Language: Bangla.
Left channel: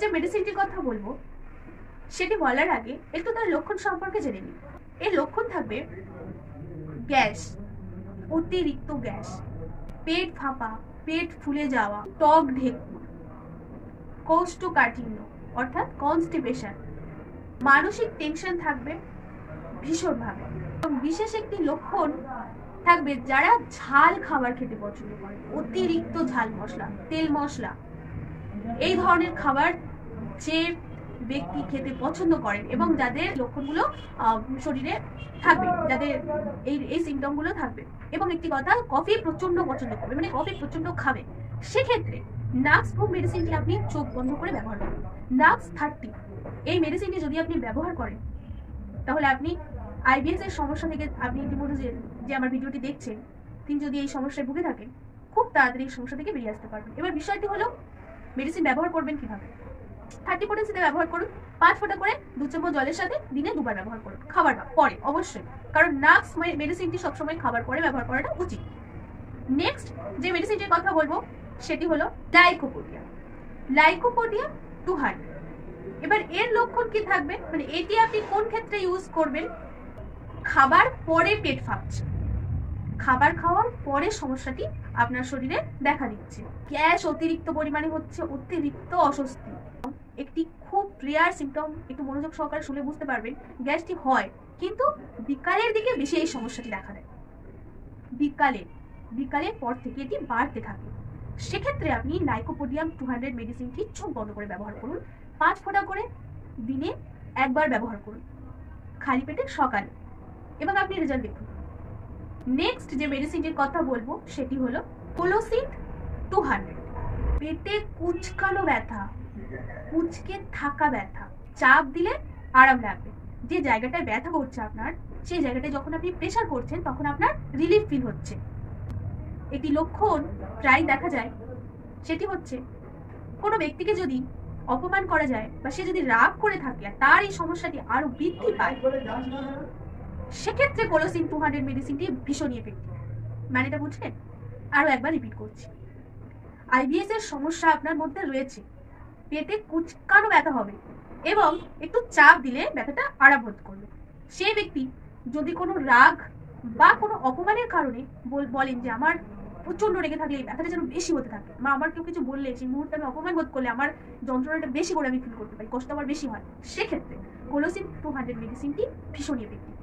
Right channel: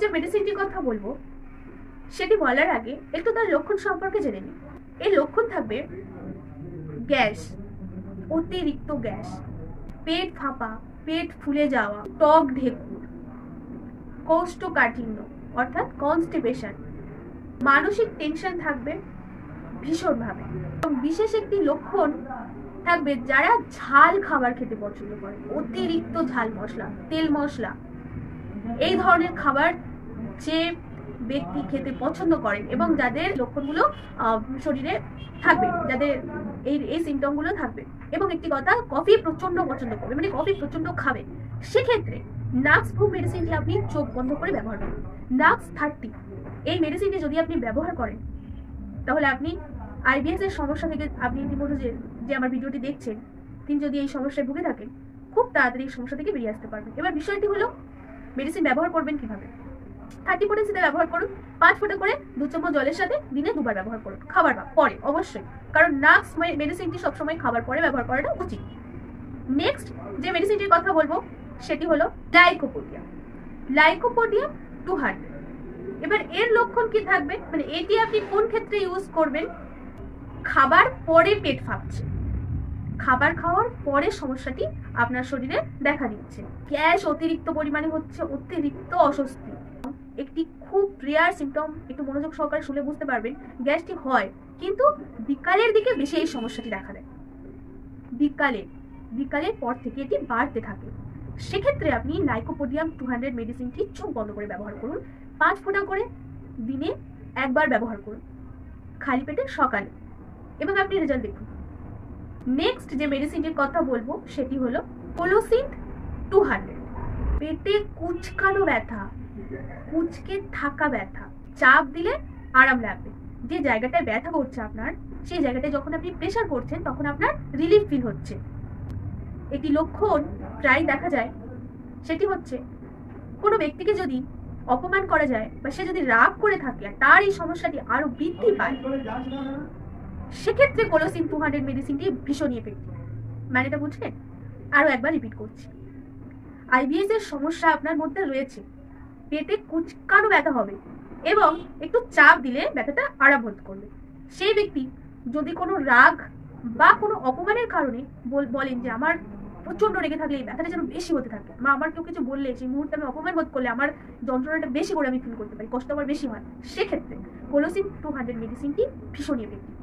যে মেডিসিনটির কথা বলবো সেটি বলার আগে একটু তার লক্ষণ সম্পর্কে জেনে নিই। এই লক্ষণ থাকবে গ্যাস, অতিরিক্ত গ্যাস, পেট ফাঁপা, পেট ফুলে যাওয়া, টক ঢেকুর, কোষ্ঠকাঠিন্য অর্থাৎ কনস্টিপেশন, মানসিক টেনশন থাকবে ভীষণভাবে। এবং বিশেষ একটি লক্ষণ থাকবে যারা ঝাল খাবার খেতে পছন্দ করে, অতিরিক্ত ঝাল মশলা, তেল মশলা, এই ধরনের খাবার যে ব্যক্তি খেতে পছন্দ করেন এবং যাদের লক্ষণগুলো শরীরে থাকবে, যাদের এই সিমটমগুলো থাকবে, এবং একটি কথা, কফি প্রচন্ড পছন্দ করবে, মানে কফি প্রচন্ড খাবে, সেক্ষেত্রে নাক্স ফুম মেডিসিনটি আপনি চোখ বন্ধ করে ব্যবহার করুন। নাক্স 30 এই মেডিসিনটি যদি আপনি ব্যবহার করেন তাহলে আপনি আইবিএস এর সমস্যা থেকে, আপনি ইতিমধ্যে যে আমার ভিডিওটি দেখছেন, তিনি যদি এই সমস্যায় ভুগে থাকেন, খুব তাড়াতাড়ি এই সমস্যা থেকে বেরিয়ে আসতে পারবেন। এবার বিষয়টি হলো মেডিসিন ব্যবহার করবেন কিভাবে। 30 পোটেন্সিতে ব্যবহার করুন, 5 ফোঁটা করে 2 চামচ জলের সাথে দিনে 2 বার ব্যবহার করুন, খাবার পরে অবশ্যই, কারণ নাক্স মেডিসিনটি সবসময় খাবার পরে ব্যবহার করাটা উচিত। নেক্সট যে মেডিসিনটির কথা বলবো সেটি হলো লাইকোপোডিয়াম। লাইকোপোডিয়াম 200। এবার এর লক্ষণ কি থাকবে, মানে এটি আপনি কোন ক্ষেত্রে ইউজ করবেন? খাবার পরে পেট ফাঁপছে, খাবার খাওয়ার পরে সমস্যাটি আপনার শরীরে দেখা দিচ্ছে, গ্যাস অতিরিক্ত পরিমাণে হচ্ছে, অতিরিক্ত অস্বস্তি, একটি খুব রেয়ার সিমটম, একটু মনোযোগ সহকারে শুনে বুঝতে পারবেন। গ্যাসটি হয় কিন্তু বিকালের দিকে বেশি এই সমস্যাটি দেখা দেয়, বিকালের পর থেকে এটি বাড়তে থাকে। সেক্ষেত্রে আপনি লাইকোপোডিয়াম 200 মেডিসিনটি চোখ বন্ধ করে ব্যবহার করুন, 5 ফোঁটা করে দিনে 1 বার ব্যবহার করুন, খালি পেটে সকালে, এবং আপনি রেজাল্ট দেখুন। নেক্সট যে মেডিসিনটির কথা বলবো সেটি হলো কোলোসিন 200। পেটে কুচকানো ব্যথা, কুচকে থাকা ব্যথা, চাপ দিলে আরাম লাগবে, যে জায়গাটায় ব্যথা করছে আপনার, সেই জায়গাটায় যখন আপনি প্রেসার করছেন তখন আপনার রিলিফ ফিল হচ্ছে। একটি লক্ষণ প্রায় দেখা যায়, সেটি হচ্ছে কোনো ব্যক্তিকে যদি অপমান করা যায় বা সে যদি রাগ করে থাকে, তার এই সমস্যাটি আরো বৃদ্ধি পায়, সেক্ষেত্রে কোলোসিন 200 মেডিসিনটি ভীষণ এফেক্টিভ। মানে এটা বুঝলেন? আরো একবার রিপিট করছি, আইবিএস এর সমস্যা আপনার মধ্যে রয়েছে, পেটে কুচকানো ব্যথা হবে এবং একটু চাপ দিলে ব্যথাটা আরাম বোধ করবে। সেই ব্যক্তি যদি কোনো রাগ বা কোনো অপমানের কারণে বলেন যে আমার প্রচন্ড রেগে থাকলে এই ব্যথাটা যেন বেশি হতে থাকে, বা আমার কেউ কিছু বললে সেই মুহূর্তে আমি অপমান বোধ করলে আমার যন্ত্রণাটা বেশি করে আমি ফিল করতে পারি, কষ্ট আমার বেশি হয়, সেক্ষেত্রে কোলোসিন 200 মেডিসিনটি ভীষণ এফেক্টিভ।